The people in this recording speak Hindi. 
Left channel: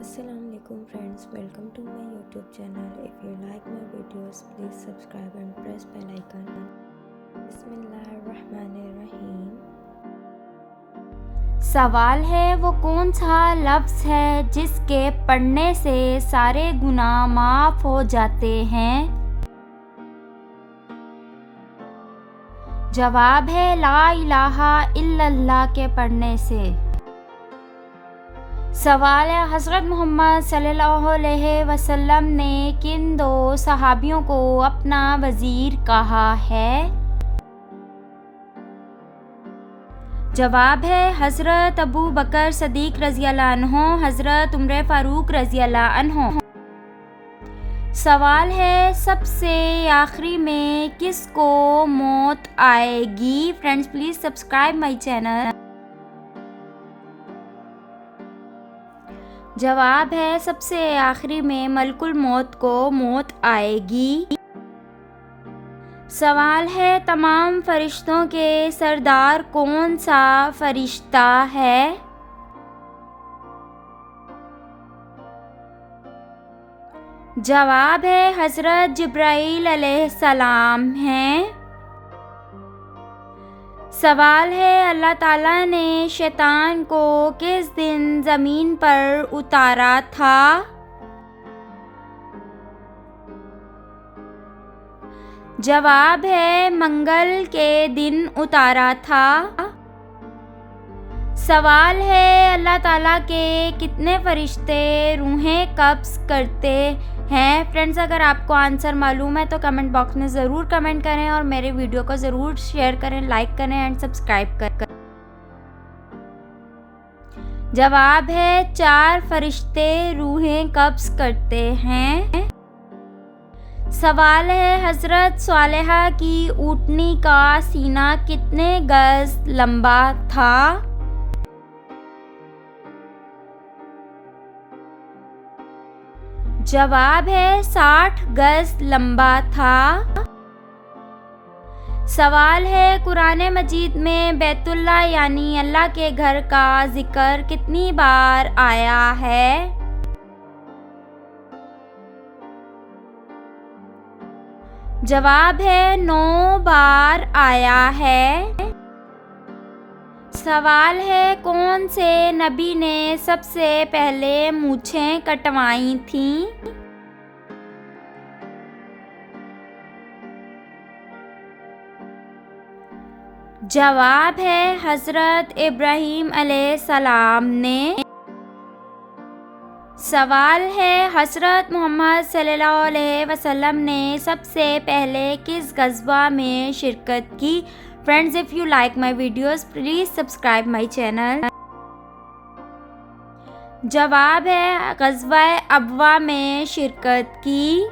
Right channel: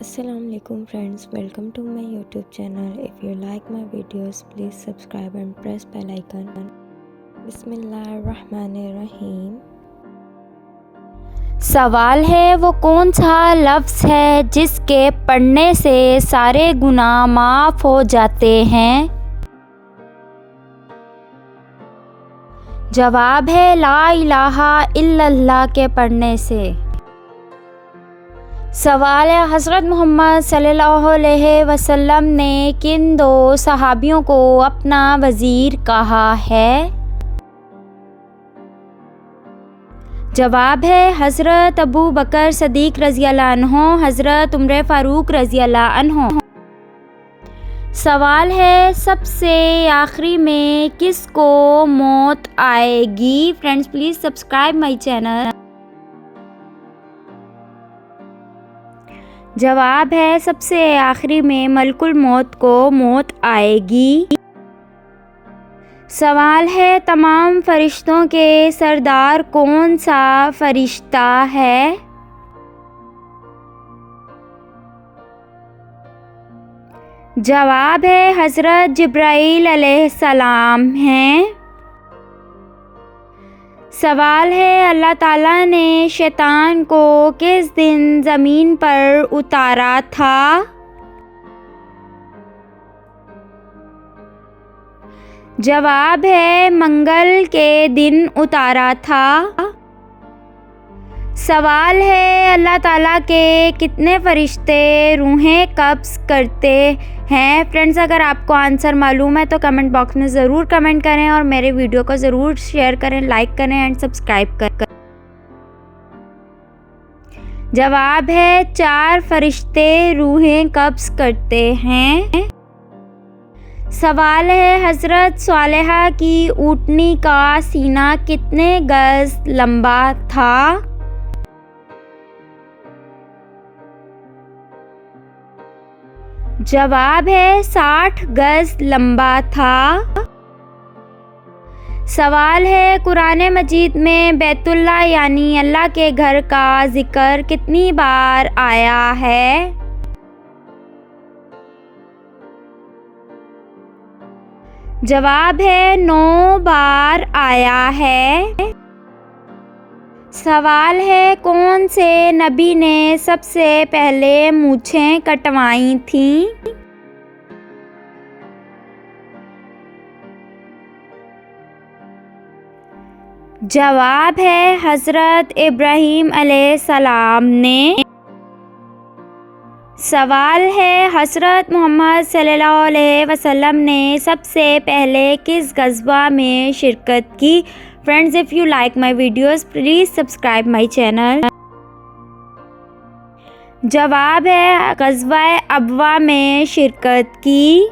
Assalamualaikum friends, welcome to my YouTube channel. If you like my videos, please subscribe and press bell icon. बिस्मिल्लाहिर्रहमानिर्रहीम। सवाल है वो कौन सा लफ्ज़ है जिसके पढ़ने से सारे गुनाह माफ़ हो जाते हैं। जवाब है ला इलाहा इल्लल्लाह के पढ़ने से। सवाल है हज़रत मोहम्मद सल्लल्लाहु अलैहि वसल्लम ने किन दो सहाबियों को अपना वज़ीर कहा है। जवाब है हज़रत अबू बकर सदीक़ रज़ियल्लाहु अन्हु, हज़रत उमर फ़ारूक रज़ियल्लाहु अन्हु। सवाल है सबसे आखिरी में किसको मौत आएगी। Friends please subscribe my channel. जवाब है सबसे आखिरी में मलकुल मौत को मौत आएगी। सवाल है तमाम फरिश्तों के सरदार कौन सा फरिश्ता है। जवाब है हज़रत जिब्राईल अलैहिस्सलाम हैं। सवाल है अल्लाह ताला ने शैतान को किस दिन ज़मीन पर उतारा था। जवाब है मंगल के दिन उतारा था। सवाल है अल्लाह ताला के कितने फरिश्ते रूहें कब्ज़ करते हैं। फ्रेंड्स अगर आपको आंसर मालूम है तो कमेंट बॉक्स में ज़रूर कमेंट करें और मेरे वीडियो को ज़रूर शेयर करें, लाइक करें एंड सब्सक्राइब करें। जवाब है 4 फरिश्ते रूहें कब्ज़ करते हैं। सवाल है हज़रत सालेहा की ऊँटनी का सीना कितने गज़ लंबा था। जवाब है 60 गज़ लंबा था। सवाल है कुरान मजीद में बैतुल्लाह यानी अल्लाह के घर का जिक्र कितनी बार आया है। जवाब है 9 बार आया है। सवाल है कौन से नबी ने सबसे पहले मूछें कटवाई थीं। जवाब है हज़रत इब्राहीम अलैहिस्सलाम ने। सवाल है हज़रत मोहम्मद सल्लल्लाहु अलैहि वसल्लम ने सबसे पहले किस ग़ज़वा में शिरकत की। Friends if you like my videos please subscribe my channel. जवाब है ग़ज़वा अबवा में शिरकत की।